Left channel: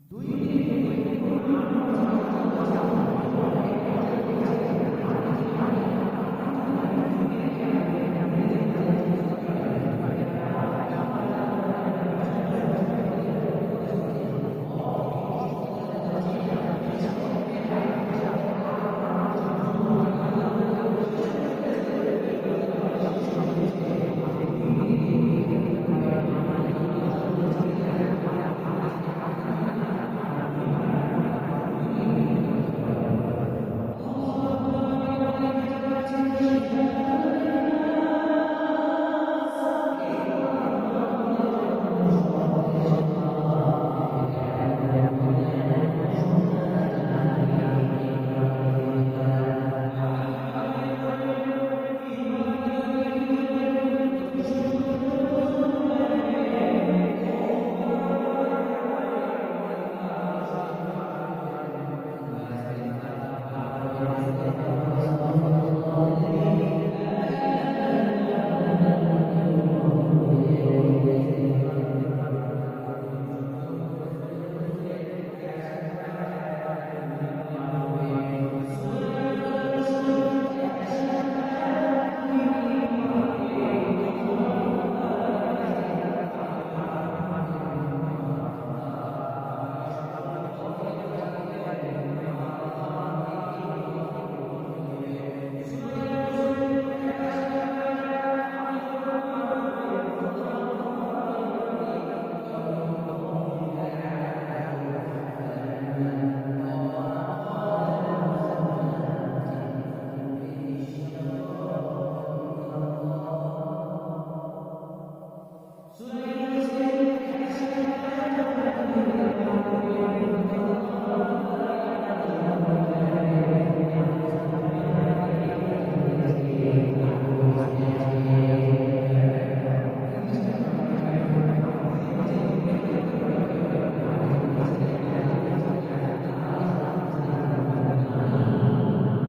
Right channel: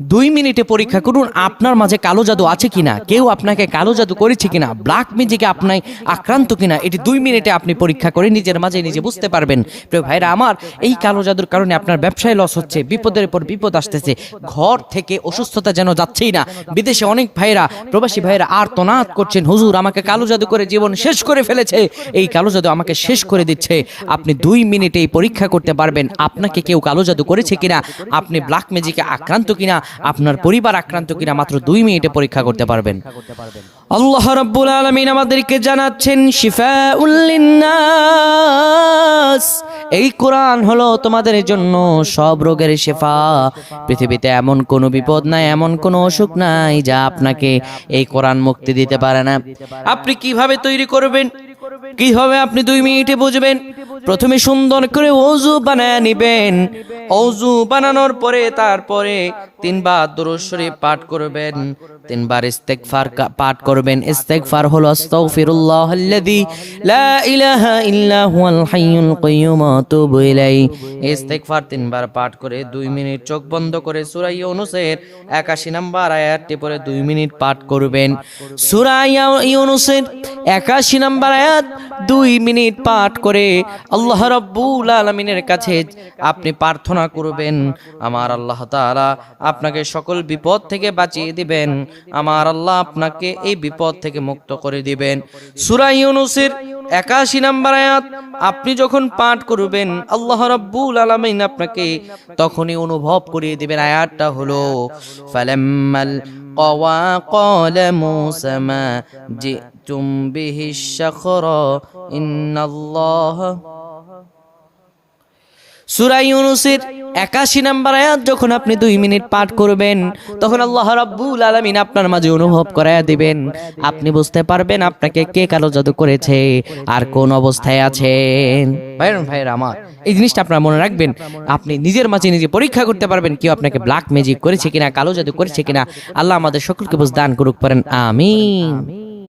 2 মিনিটে পরীক্ষা করুন আপনার মাঝে কালো জাদু আছে কিনা, কেউ আপনাকে কালো জাদু করেছে কিনা, ব্ল্যাক ম্যাজিকে আপনার আক্রান্ত কিনা, এটি 2 মিনিটে আপনি পরীক্ষা করে নিজের মাঝে নিজে বুঝতে পারবেন। প্রিয় ভাইরা আমার, এই কালো জাদুর কারণে আপনার ব্যবসায় লস হচ্ছে, বিপদের পর বিপদ আসতেছে, ঘর থেকে অসুস্থতা যেন যাচ্ছেই না। বিদেশে অনেক ভাইরা, প্রবাসী ভাইরা আর্তনাদ করছেন, হুজুর আমাকে কালো জাদু করে জীবন শেষ করে ফেলেছে, এই কালো জাদু আমাকে শেষ করে দিচ্ছে। আপনি 2 মিনিটেই পরীক্ষা করতে পারবেন আপনাকে কেউ কালো জাদু করেছে কিনা, আপনি ব্ল্যাক ম্যাজিকে আক্রান্ত কিনা, আপনার পরিবার আক্রান্ত কিনা, মাত্র 2 মিনিটে পরীক্ষা করতে পারবেন। আল্লাহ রাব্বুল আলামিন আমাদেরকে জানাচ্ছেন শিফাউল লিন্নাস, এই কোরআন হলো তোমাদের জন্য সব রোগের শিফা। পৃথিবীতে এমন কোনো বিপদ নাই, এমন কোনো অসুখ নাই যা আপনাকে এই কোরআন মুক্তি দিতে পারে না। আপনি কিভাবে তৈরি করবেন, কিভাবে আপনি 2 মিনিটে বুঝবেন? প্রথমে সুন্দর করে ওযু বানায় নেবেন। ওযু বানানোর পরে তারপরে 3 বার দুরূদ শরীফ পাঠ করবেন, 3 বার ইস্তেগফার পাঠ করবেন। ইস্তেগফার হলো আস্তাগফিরুল্লাহাল্লাযী লা ইলাহা ইল্লা হুয়াল হাইয়ুল কাইয়্যুম ওয়া আতুবু ইলাইহি। ইস্তেগফার 3 বার পাঠ করে 2 মিনিট চোখ বন্ধ করে সূরা ইউনূসের 81 নম্বর আয়াতটি পড়ে 2 মিনিট পাঠ করবেন। সূরা ইউনূসের 81 নম্বর আয়াত 2 মিনিট পাঠ করে আল্লাহ রাব্বুল আলামিনের কাছে আপনি প্রার্থনা করবেন, আমার আল্লাহ তাআলা আপনাকে সকল বিপদ থেকে বাঁচিয়ে দিবেন, আমার আল্লাহ আপনাকে এই বিপদ থেকে মুক্ত করে দিবেন। সূরা ইউনূসের 81 নম্বর আয়াত আপনি যখন পাঠ করবেন, আল্লাহ রাব্বুল আলামিন আপনাকে তখনই অনুভব করিয়ে দিবেন। আয়াতটা হলো ফালাম্মাল ক্বাওয়া ক্বালা মূসা মা জিতুম বিহিশ শাখরা ইন্নাল্লাহ। সূরা ইউনূসের 81 নম্বর আয়াত যখন আপনি 2 মিনিট পাঠ করবেন, তখন আল্লাহ রাব্বুল আলামিন আপনার মাঝে অনুভব করায়া দিবেন। আপনি বুঝতে পারবেন আপনাকে কে কালো জাদু করেছে আর কোন অবস্থায় আছেন। ভাইরা আমার, এই জিনিসটা আপনারা মনে রাখবেন। আপনি নিজের মাঝে নিজে পরীক্ষা করতে পারবেন কেউ আপনাকে ব্ল্যাক ম্যাজিক করেছে কিনা, কালো জাদু করেছে কিনা। আল্লাহ আমাদের সকলকে বুঝ দান করুক, পারেন আমিন।